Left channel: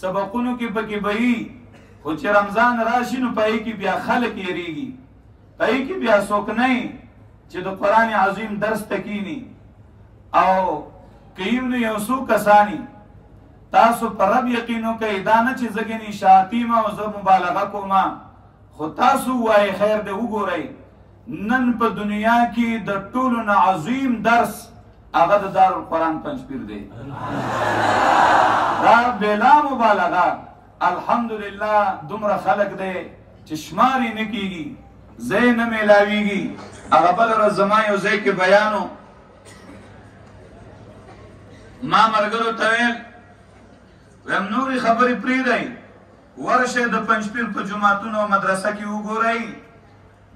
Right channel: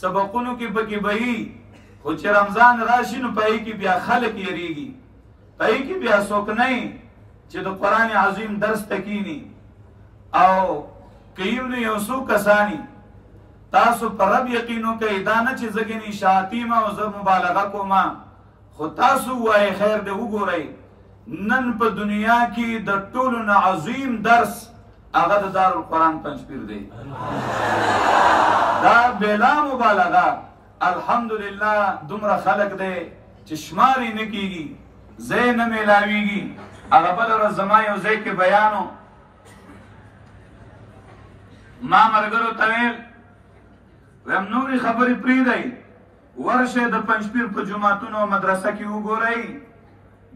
سبقونو کې پکې بهي، خو چې رمضان راشي نو په کې بیا خلک یریږي، په کې بیا څوک نه چې د قرآن عظیم درس تکینی. او کيم نو یو څو کسانی تاسو پر رب یقینو کوي دا نه چې زګنی شاتیمه او زه مبالغه کوم، خو تاسو وای خیر دې وګورئ نن په دنیا کې د ټولو نه عظیم درس هغه د دارالقرآن پنځپیر دی. دا بلا مبالغه الحمدلله دومره خلق دی چې شمار یې نه کېږي، ځای نه میلاویږي. هغه بله ورځ زما یو ځای کې بیانو، ما ملګرو ته ویل ویم نورې خبرې پرېږدئ، ورشئ د پنجپیر په جوماتونو او مدرسه کې وګورئ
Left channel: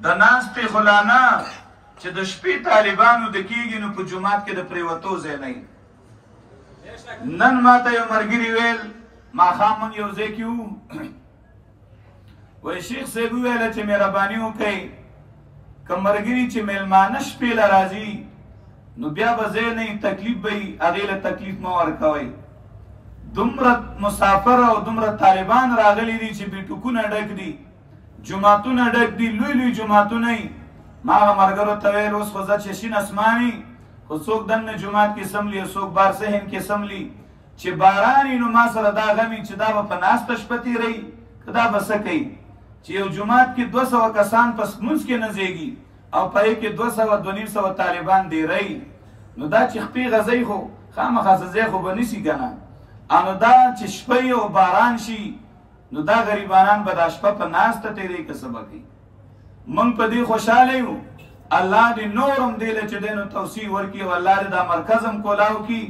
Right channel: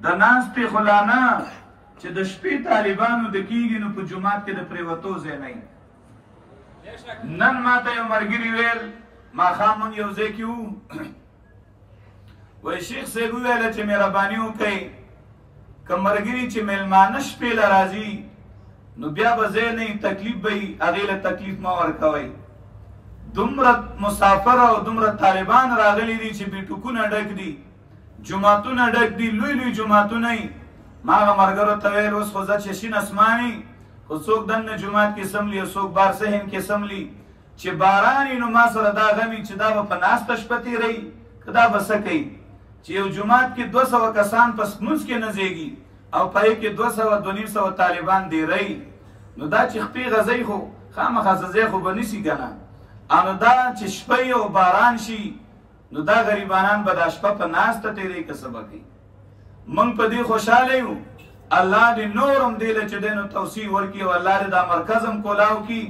د ناستې خو لا نه چې د شپې طالبانو د کېږي نو په جومات کې د پرېوتو ځای نه. نن ماته یو ملګري ویل ماښام موږ یو ځای کې وو، وایي شیخ صاحب وویله چې مهرباني وکئ که ملګري چې میلمانه شپې له راځي نو بیا به ځای نه تکلیف به وي، هغې له تکلیف مه ورکوئ. دومره مسافر او دومره طالبان راغلي دي چې بیټوکونه ډک دي، جوماتونه ډک دي، لوی لوی جوماتونه یي. ما هغه ملګرو ته ویل اوس خو زه چې شین اسماني خو څوک دننه جومات کې سملي او څوک بار صحن کې سملي، چې باران نو ما سره دا غمي چې دا به په ناسته شپه تېروي که دا به څه کوي چې یو جومات کې 200 کسان په لمونځ کې نه ځایږي او په یې کې 200-250 طالبان ډېروي، نو دا چې خپې غځئ خو خامخا څه ځای خو به نیسي که نه. او نو دا چې شپه او باران شي نو دا غریبانان به دا شپه په ناسته تېروي که څه به کوي. موږ په دې خوشحاله یو، الله دې نور هم دې له چې دی نو توسیع ورکړي او الله دې دا مرکز هم کولاو کړي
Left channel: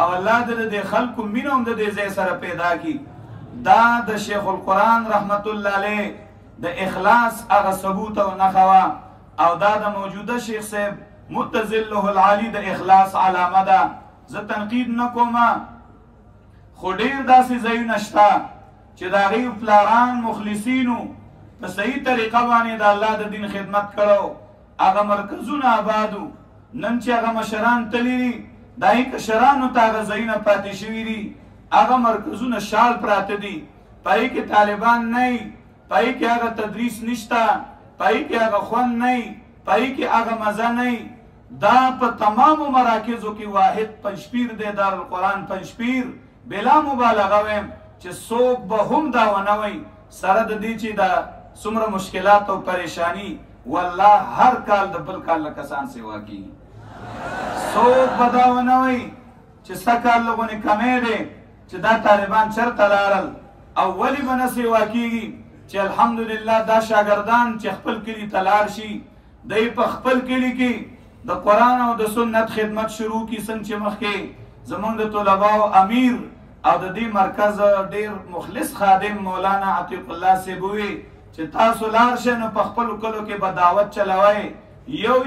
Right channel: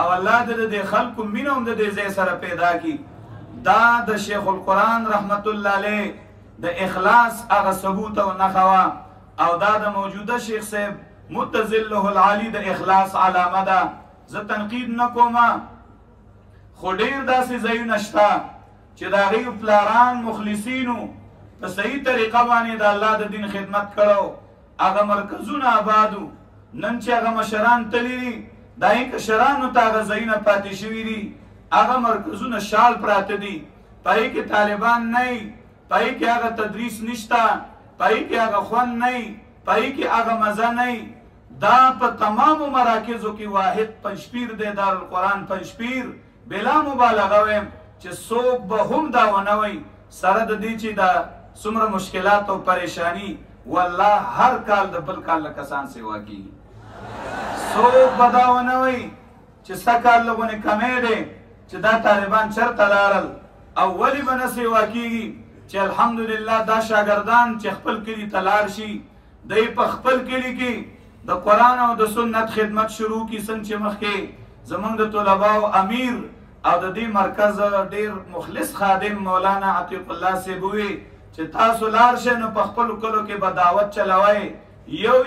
او الله دې د دې خلکو مینه هم د دې ځای سره پیدا کړي. دا د شیخ القرآن رحمت الله علیه د اخلاص هغه ثبوت او نښه وه، او دا د موجوده شیخ صاحب متظله العالی د اخلاص علامه ده. زه تنقید نه کوم، خو ډېر داسې ځایونه شته چې د هغې پلاران مخلصینو په صحیح طریقه باندې د الله د دین خدمت کړو، هغه مرکزونه آبادو. نن چې هغه مشران تللي دي د هغې کشرانو ته هغه ځایونه پاتې شوي دي، هغه مرکزونه شال پراته دي، په هغې کې طالبان نه وي، په هغې کې هغه تدریس نشته، په هغې کې هغه خوند نه وي، په هغې کې هغه مزه نه وي. دا په تمامو مراکزو کې واحد پنجپیر دی دارالقرآن پنجپیر. بلا مبالغه ویم چې څوک به هم دا ونه وایي سره د دې چې دا څومره مشکلات او پریشانی والله هر کال د بل کال له کسان سیوا کېږي. څوک به دا ونه وایي چې سږ کال لږونې کمی دی چې دا طالبان چېرته لاړل او ولې به نه سیوا کېږي چې الحمدلله دا شاګردان چې خپل کلي ته لاړ شي دی په خپل کلي کې د قرآن او د سنت خدمت شروع کړي. څنګه چې مخکې زمونږ د طلباو امیر او د دې مرکز ډېر مخلص خادم مولانا عتیق الله صاحب ووی چې تاسو لاړ شئ نو په خپلو کلو کې به دعوت چلوئ،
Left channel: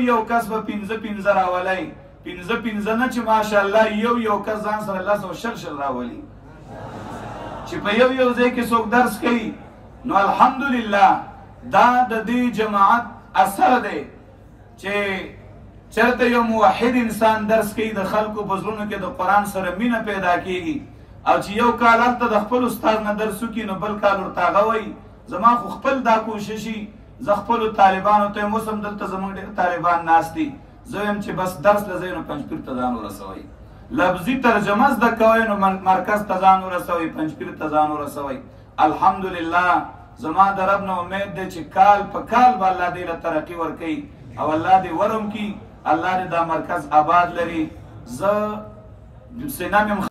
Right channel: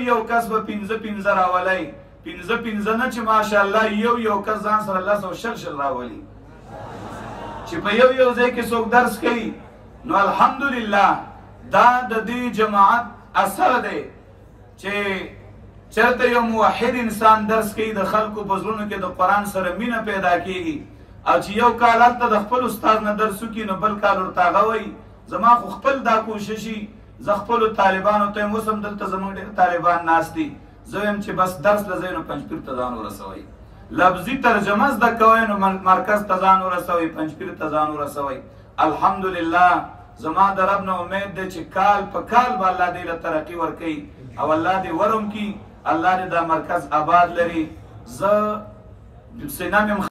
یو کس به 5 راولئ، 5 نه چې ماشاءالله یو کس ځان سره 10 راولي چې په یو ځای کې څوک درس کوي. نو الحمدلله دا د دې جماعت اثر دی چې چېرته یو موحد انسان درس کوي د خلکو په زړونو کې د قرآن سره مینه پیدا کېږي، او چې یو کال هلته د خپل استاد نه درس وکړي نو بل کال ورته هغه وایي زما خو خپل دا کوششي زه خپلو طالبانو ته یم، اوس هم دلته زموږ ډېر طالبان ناست دي، زه وایم چې بس درس له ځای نو پنجپیر ته ځان ورسوئ، لفظي ترجمه زده کوئ نو مرکز ته ځان ورسوئ، پنجپیر ته ځان ورسوئ. الحمدلله زما د رب نه امید دی چې کال په کال به الله دې له ترقي ورکوي او الله دې ورم کړي، الله دې دا مرکز آباد لري. زه سینام یم